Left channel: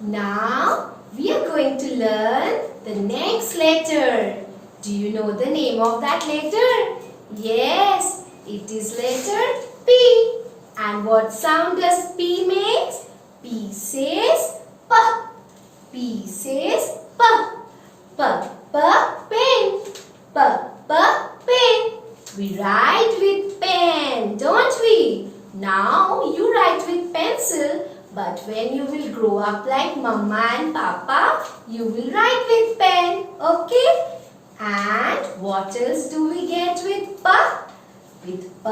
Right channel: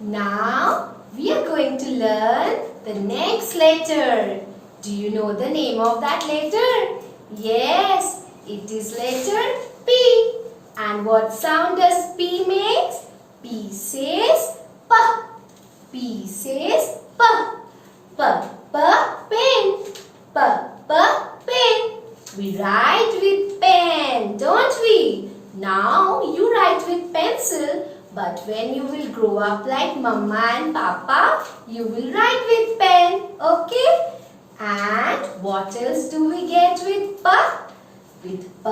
Now we are going to learn the next letter. Do you know the name of that letter? Yes, it is letter P. And what sound does P make? P says P. P says P. P, P, pen. P, P, pen. We write with pen, don't we? Now you write with pencil, but when you will grow up like Mama and Papa, you will write with pen, okay? And what else do we get with P? With P,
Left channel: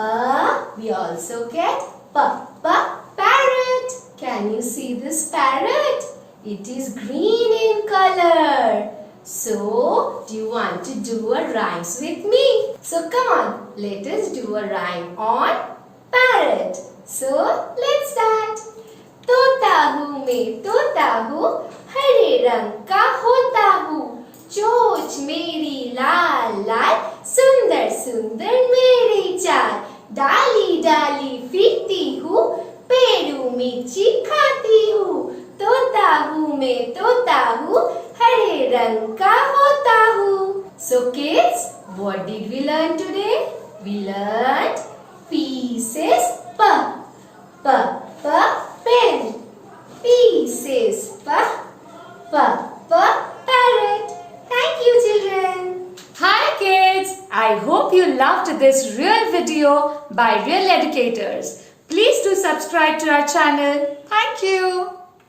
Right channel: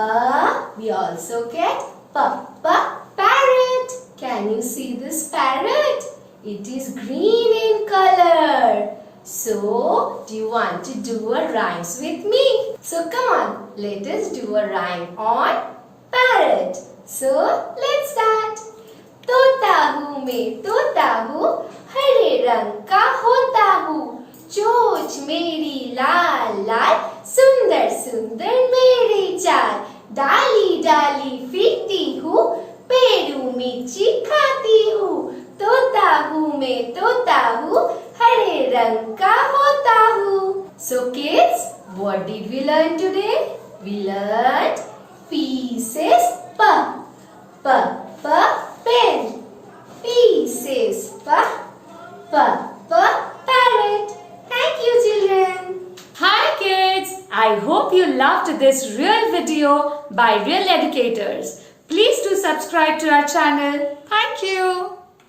we also get P, parrot. Can you see this parrot? It is green in color. So, do you want to do a rhymes with me? So, come on, let us do a rhyme on parrot. So, let's start. तोता हूँ मैं तोता हूँ हरे रंग का होता हूँ चोंच मेरी लाल लाल सुंदर सुंदर मेरे चाल डाली डाली फिरती हूँ पेड़ों मिर्ची खाती हूँ तोता हूँ मैं तोता हूँ हरे रंग का होता हूँ. So kids, what did we learn today? We learned P says P, P, P, pen. P says P, P, P, parrot. Thank you, children. Hi kids, I hope you loved this real video by Real Educators. Please do subscribe to our channel. Thank you.